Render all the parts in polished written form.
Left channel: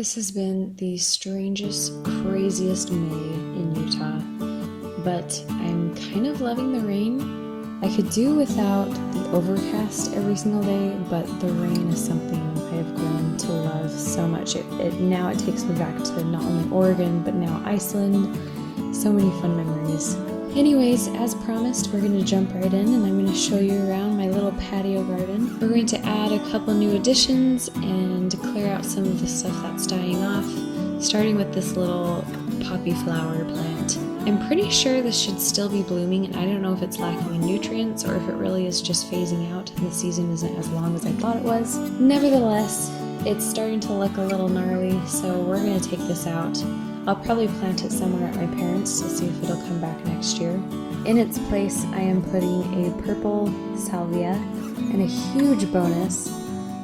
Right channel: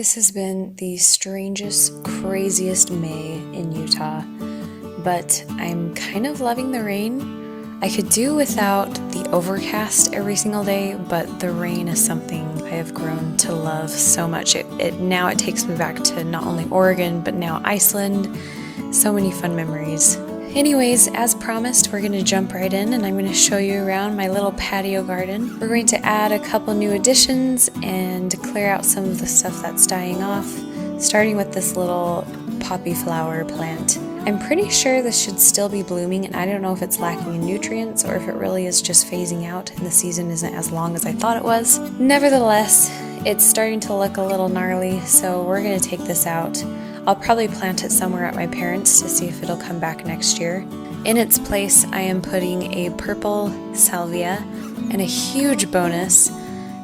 This has been the strangest, craziest May in Utah, but I'm kind of loving the rain. I could do without the overcast every single day, but the rain is something I have grown to love so much. Now it takes me back to not only Oregon, but now Iceland. So many fun memories. Anyways, as promised, we're going to jump right in and I'm going to show you around my little patio garden. We're going to add a couple new additions and clear out some of the stuff that's dying off, starting with this little poppy flower plant. I'm pretty sure this should still be blooming, and I don't know if it's lacking in nutrients or if it really is just phasing out and the season isn't as long as I thought it was. Nevertheless, it's starting to look a little gnarly, so we're going to take this out. I'll probably plant it somewhere at my parents' to see if it'll come back next year. In its place, I am putting a purple salvia, and a huge bonus,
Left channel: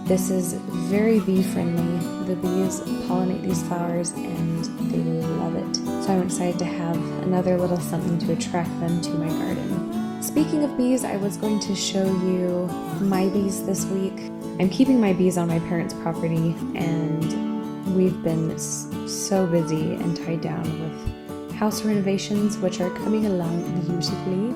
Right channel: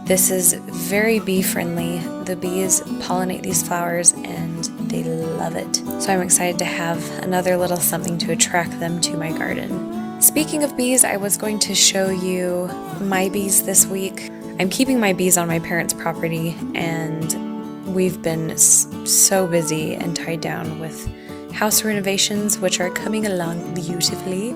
this is very bee friendly. The bees pollinate these flowers and they love it. So I'm excited to have another little something to attract them to my garden. Speaking of bees, I was going to show you my bees this week. I'm keeping my bees on my parents' property, and we've been so busy and tied down with house renovations, which are coming along beautifully,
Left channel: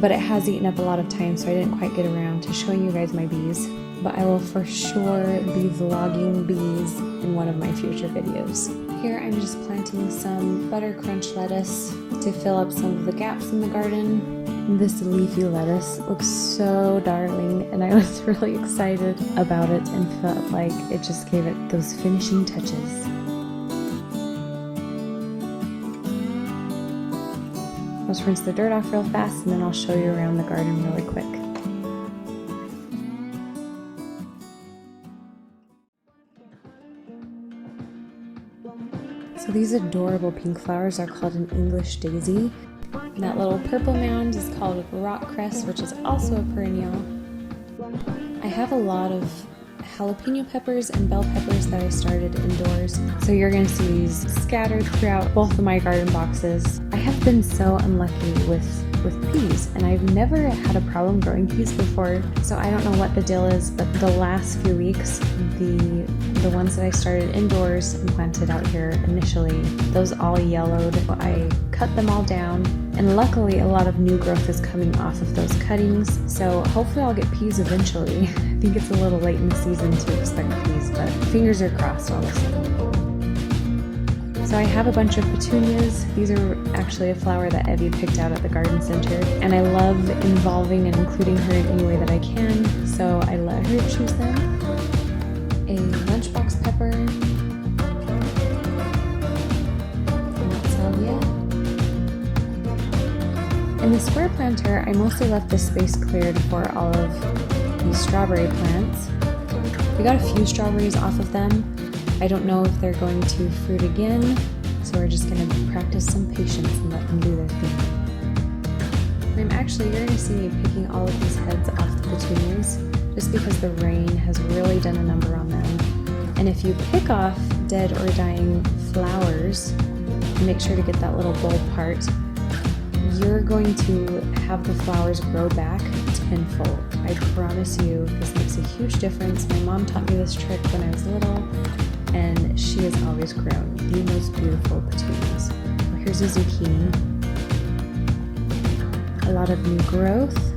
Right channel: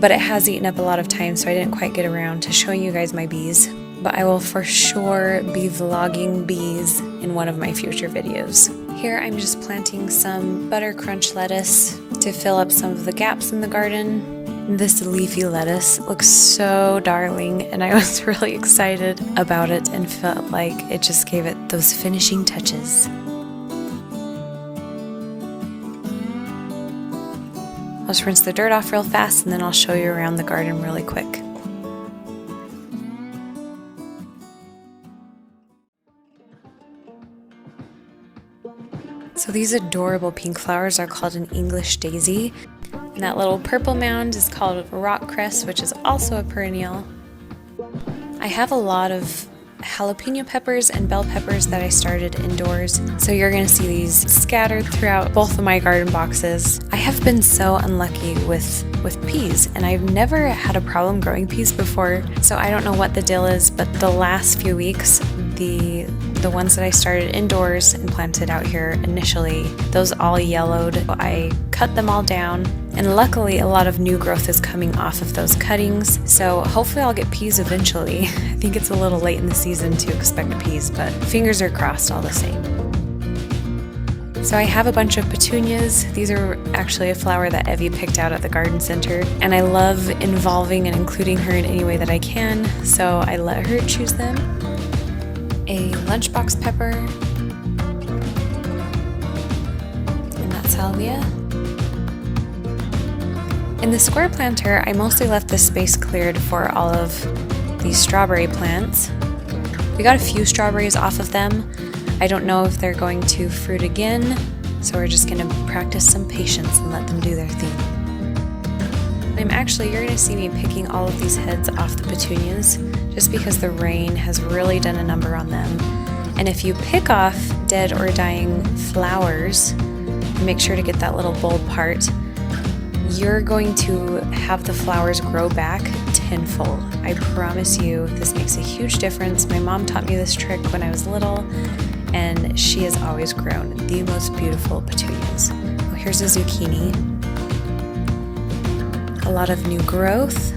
but it has eaten up a lot of time, so I didn't quite get around to showing you guys my bees. But I will for sure be vlogging bees in one of my future videos. Here I'm just planting some butter crunch lettuce to fill up some of the gaps in the garden. This leafy lettuce looks so darling, and I was really excited about it and felt like it just gave it those finishing touches. I'll just rinse the dirt off real fast and then I'll show you around the garden really quick. So these adorable pink flowers are called an English daisy. And that little purple mound is called rock cress, which is also a perennial. I have a lot of jalapeno peppers and bell peppers that I started indoors, so you're going to see these scattered throughout both of my garden boxes. I have been so unlucky with peas, and I've never had a problem growing peas before, so I don't know what the deal is, but the last few weeks, the ones that I started indoors and planted out here initially, those all yellowed. I cut them all down, and luckily a lot of new growth is coming off of those cuttings, so hopefully I'll get peas eventually. I think it's a little late in the season to expect peas, but fingers are crossed all the same. So I have a bunch of petunias. These are actually a flower that Evie picked out at the garden center, and I love involving and including her in any way that I can, so I let her choose them. A lunchbox pepper, and that salvia. In the square planter, I mostly left this space cleared for all of these strawberry plants. We got a few strawberries off of them. I don't know if they're going to fruit again, so we're just going to practice some patience and let them do their thing. You're going to see me picking all of these heads off the petunias just because the rain has really done a number on them. And if you pick off dead or dying flowers, make sure to get that little bulb part, you're going to have the flowers grow back tenfold. I promise you, this makes a huge difference. My mom taught me this trick when I was little, and she has always grown the most beautiful petunias. Oh, here's a zucchini. A lot of new growth.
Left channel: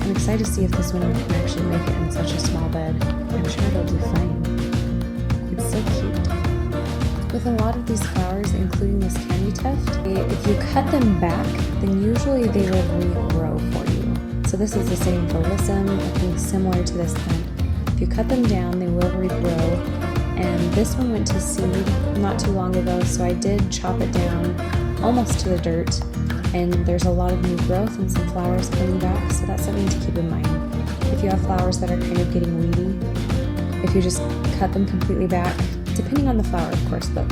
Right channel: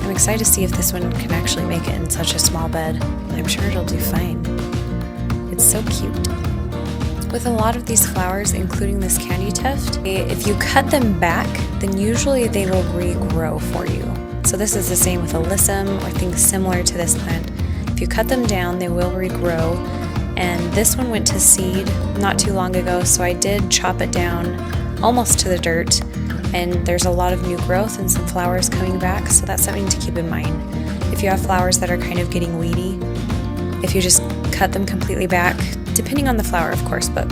I'm excited to see if this one can actually make it in such a small bed. I'm sure it'll do fine. It's so cute. With a lot of these flowers, including this candy tuft, if you cut them back, then usually they will regrow for you. So this is the same with alyssum or things similar to this plant. If you cut them down, they will regrow. And this one went to seed not too long ago, so I did chop it down almost to the dirt. And there's a lot of new growth and some flowers coming back, so that's something to keep in mind. If you have flowers that are kind of getting weedy, if you just cut them completely back, depending on the flower of course, but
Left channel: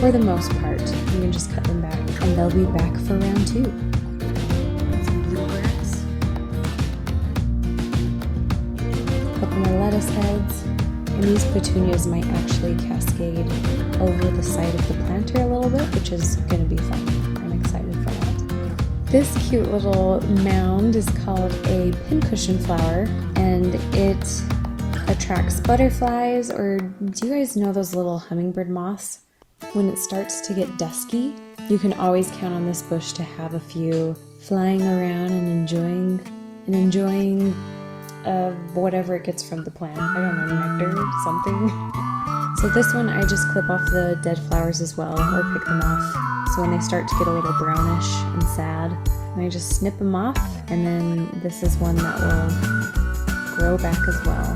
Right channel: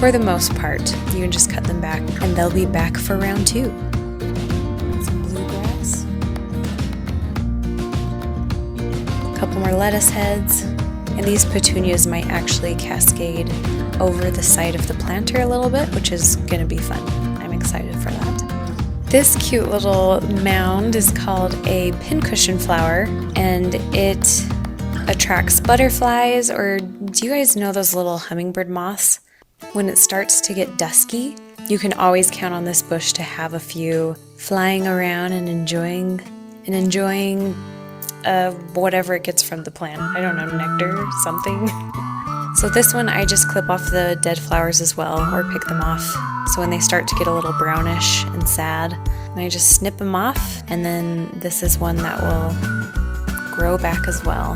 for the most part, you can just cut them back and they'll be back for round 2. Some bluegrass. A couple more lettuce heads, and these petunias might actually cascade over the side of the planter a little bit, which is going to be fun. I'm excited for that. This cute little mound is called a pincushion flower, and it attracts butterflies, or do you guys know those little hummingbird moths? When it starts to get dusky, you can always count on this bush to have a few flying around and enjoying whatever it gets from the plant. I don't know, nectar or something. So this one I just clip off the dead flowers as well, or pick them off. So when they start to get a little brownish and sad, and I just snip them off, and then this is one that will grow back as well.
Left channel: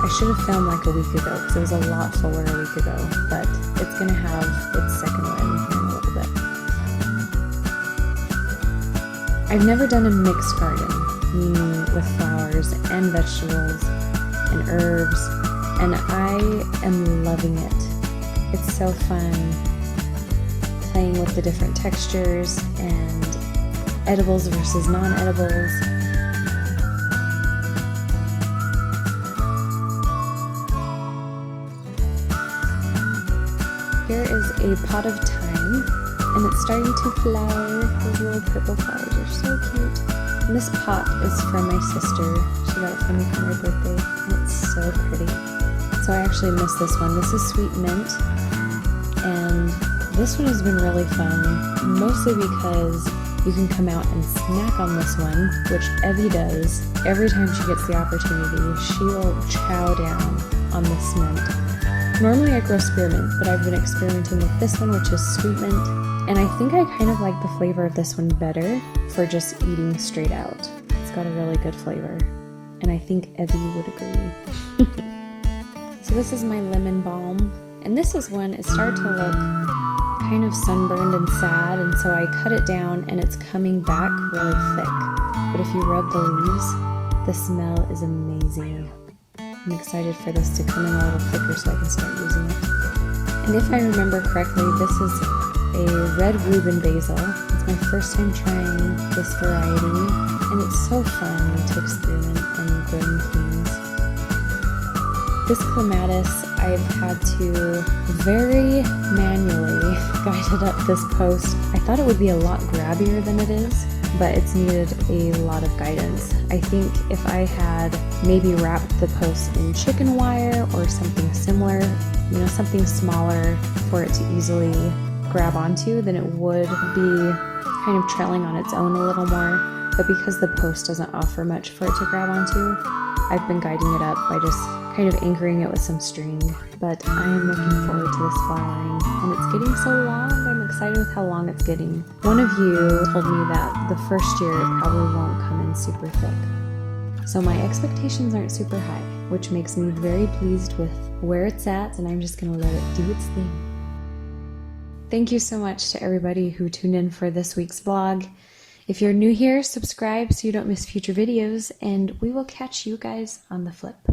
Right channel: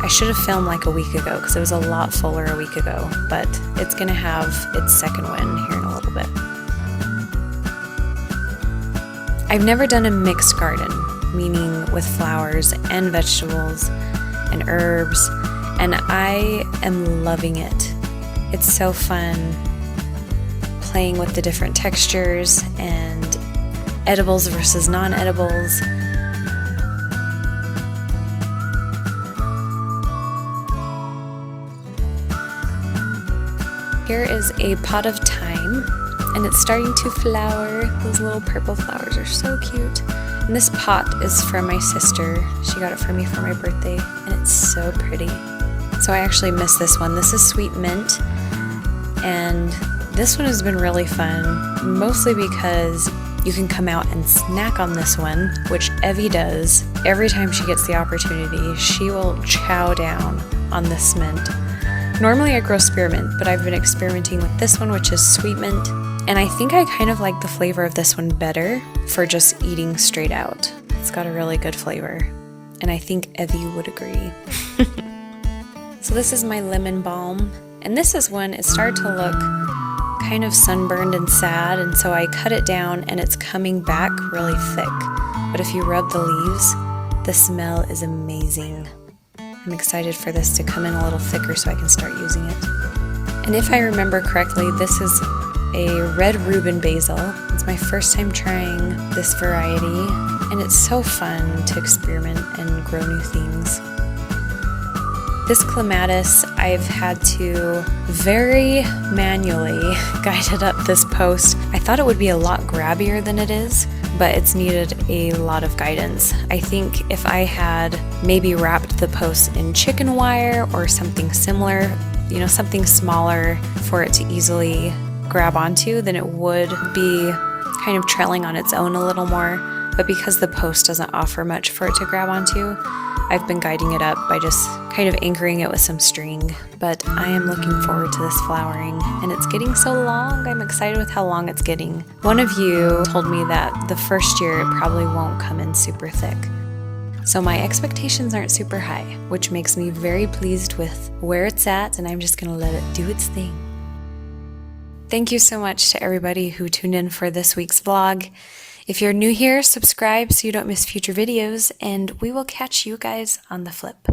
I should have filmed like a week ago because it was a lot fuller a week ago, but it's gonna have its second wind here in a little bit. I've never done a mixed garden, meaning with flowers and vegetables and herbs, and I am loving it. It's so fun playing with the different textures and edibles versus non-edibles. Here is a pot of thyme, and it's starting to flower. Those little purple flowers are so cute. And this pot is from my sister. She got it from me for my birthday, and it's so pretty. So I actually missed this one. This is sweet mint, and this one has been really fun, mostly because you can come out and snack on this one, which Evie does. Every time she gets the opportunity, she will chow down on this mint. Normally I grow spearmint, but I've been experimenting with this one, which is sweet mint, and I think I kind of like the flavor of this one better for just eating straight out. It's got a really good flavor, and I think Evie would agree. So this is my lemon balm, and this is when it started to look kind of sunburned and sad, and so I cut it down and it's coming back really thick. But if you rub the leaves, the smell is amazing. I'm excited for this to come in a little thicker so I can start using it. And if I remember correctly, this is a red Reuben basil. It's my first time trying this variety, and it's so fun to experiment and grow new things. This clematis, I've had to very manually guide it up this post. I thought it would be a lot grabbier than it is, but it's needed a lot of guidance. I think if I had maybe wrapped the post in chicken wire or something similar, you know, something smaller for it to easily grab onto, then it would be kind of trailing on its own a little more. But because the post doesn't offer much for it to grab onto, I've been guiding it up by just kind of anchoring it with some string. But I am looking forward to this flowering, and it's getting so long. I'm excited with how long it's getting. One of you told me that the first year it probably won't come in super thick. So my expectations aren't super high, which makes me very pleased with where it's at, and I'm just gonna let it do its thing. Thank you so much to everybody who tuned in for this week's vlog. If you're new here, subscribe so you don't miss future videos, and we will catch you guys on the flip.